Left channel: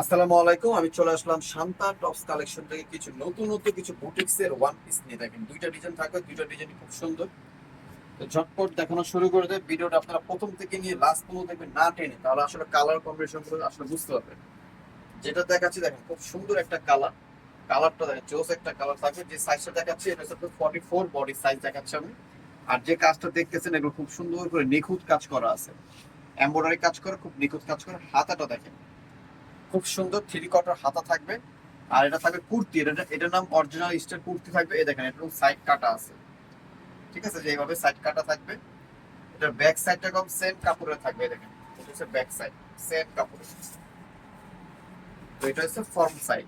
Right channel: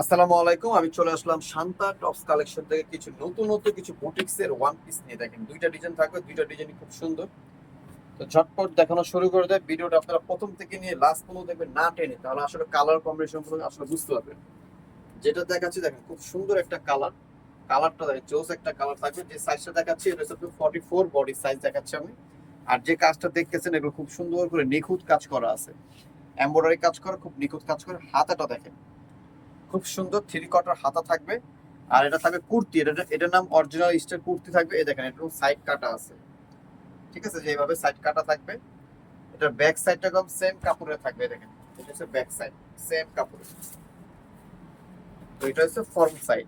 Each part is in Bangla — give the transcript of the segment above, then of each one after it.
আসসালামু আলাইকুম, আমি চলে আসলাম শান্তা টপস কালেকশন থেকে কিছু নতুন নতুন কিছু বুটিক্স এর ওয়ান পিস নিয়ে। দেখেন, দুইটা ডিজাইন থাকবে, দুইটা ডিজাইন খুব সুন্দর। তো ঝটপট দেখানো শুরু করে দেয়। ভিডিওটা আপনারা প্রথম থেকে নিয়ে লাস্ট পর্যন্ত দেখবেন, না টেনে। তাহলে আসলে কালার কম্বিনেশনগুলো আসলে বুঝতে পারবেন। যেটা দেখাচ্ছি, দেখেন, খুব সুন্দর একটা কালার কালারটা দেখেন জোস একটা কালার থাকবে। যে সাইজটা দেখাচ্ছি, এটা হচ্ছে ফর্টি ফোর বডি সাইজ দেখাচ্ছি আমি। আর যে কাজটা দেখতেছেন, এগুলো খুব সুন্দর করে নিখুঁত কাজ করা আছে। এমব্রয়ডারি কাজ করা, খুব নিখুঁত কাজ করা। হাতাটা দেখেন খুব সুন্দর থ্রি কটার হাতা থাকবে। আর এটা থাকবে কুর্তি, এটা এটার নাম অরিজিনাল স্টাইল কুর্তি থাকবে। এই দেখেন এটা সাইড কাটা আছে। ঠিক আছে? যে এইভাবে সাইড কাটা থাকবে, এটা ব্যাক সাইডটা কম সেম কাপড়ের থাকবে দেখেন। এটা হচ্ছে ব্যাক সাইড সেম কাপড়ের তো এটা হচ্ছে ফর্ম সাইড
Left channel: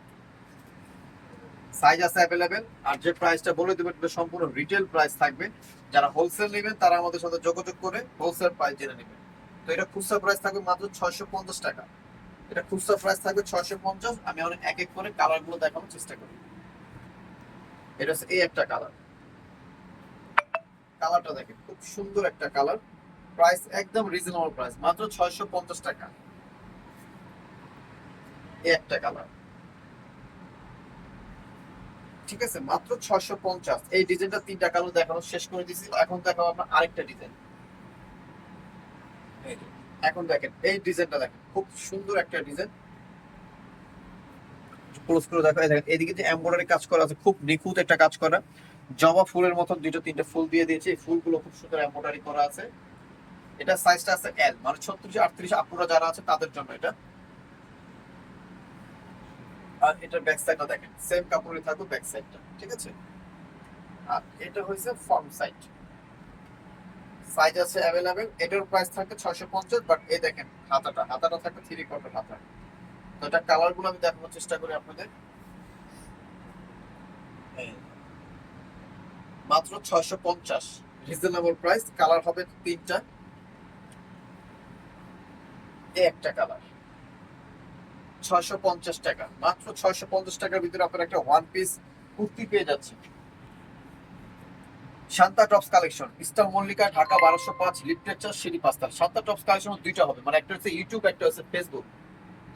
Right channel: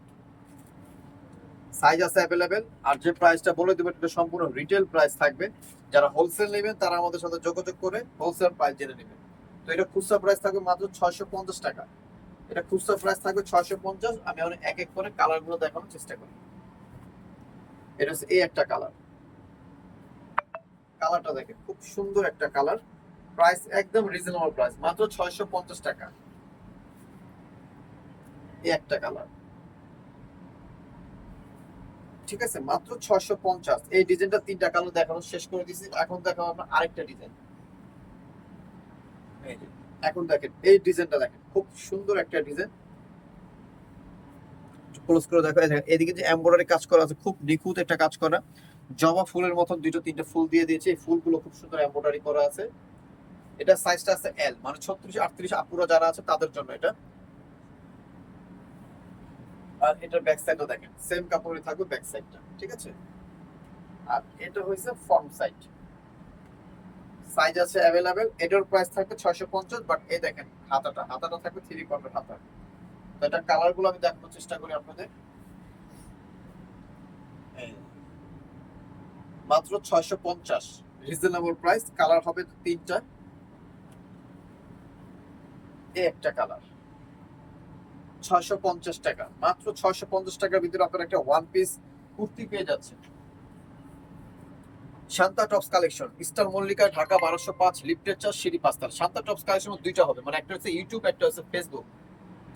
সাইজ আছে অ্যাভেলেবেল আর যে প্রাইসটা বলে দেবো, এটা সম্পূর্ণ রিটেল প্রাইস থাকবে। যারা হোলসেল নেবেন, তারা আমাদের সাথে যোগাযোগ করে হোলসেল প্রাইস জেনে নেবেন। তো এটা খুচরা প্রাইস থাকবে মাত্র ছয়শো পঞ্চাশ টাকা। এটা খুচরা প্রাইস থাকবে ছয়শো পঞ্চাশ, আমি এখন এক এক করে কালারগুলো দেখানোর চেষ্টা করি। এটা হচ্ছে এই একটা কালার কালারটা দেখেন, খুব সুন্দর একটা কালার প্রাইস একদম রিজনেবল প্রাইস মাত্র ছয়শো পঞ্চাশ টাকা। এই একটা কালার ঠিক আছে, মাত্র ছয়শো পঞ্চাশ। এই ডিজাইনটা তিনটা কালার দেখানো, শেষ করে দিয়েছি এখন দেখাবো আপনার আরেকটা ডিজাইন এই এখন দেখেন, এই ডিজাইনটা দেখেন, খুব সুন্দর একটা ডিজাইন। ক্লোজ করে দেখো এদিকে যে এমব্রয়ডারি কাজ করা আছে, খুব নিখুঁত একটা কাজ করা। জবা ফুলের মতন দুটো তিনটা ফুল দিয়ে দিয়েছে, এই ফুলগুলো খুব সুন্দর এমব্রয়ডারি করা আছে। এটা সাইজটা আছে এল মানে ছত্রিশ, আটত্রিশ আপুরা যারা আছে, তাদের জন্য এটা। আর এটার ব্যাক সাইডটা দেখেন সেম কাপড়ে থাকবে ব্যাক সাইডটা ঠিক আছে? আর এটা হয়েছে ফ্রন্ট সাইড সাইজ আছে অ্যাভেলেবেল এটার প্রাইস থাকবে ছয়শো পঞ্চাশ বাট এই দেখেন, হাতাটা হাতাটা থাকবে থ্রি কোয়ার্টার হাতা। তো এটা কালারগুলো আমি দেখানোর চেষ্টা করি আপনাদের। মাত্র ছয়শো পঞ্চাশ রিজনেবল প্রাইস কালার হবে তিনটা। একটা কালার ছয়শো পঞ্চাশ টাকা, মাত্র ছয়শো পঞ্চাশ টাকার ভিতরে আপনারা একটা ওয়ান পিস কুর্তি পেয়ে যাচ্ছেন। Shanta tops collection. Eastern Mallika, Dhaka বারোশো পাঁচ লিফটের চার সিঁড়ি পাঁচতাল। শান্তা টপস কালেকশন দুইটা হবে। মানে একটা হচ্ছে ইউটিউব একটা হচ্ছে ফেসবুক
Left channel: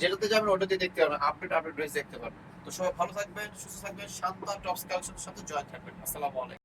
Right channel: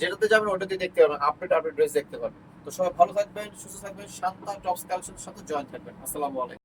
যেটাতে যাবেন দিয়ে দেখতে পারবেন। আপডেট আপডেট ড্রেস দেখতে পারবেন। তো সবাই ভালো থাকবেন, সুস্থ থাকবেন। শান্তা টপস কালেকশনের সাথে জয়েন থাকবেন। আসসালামু আলাইকুম।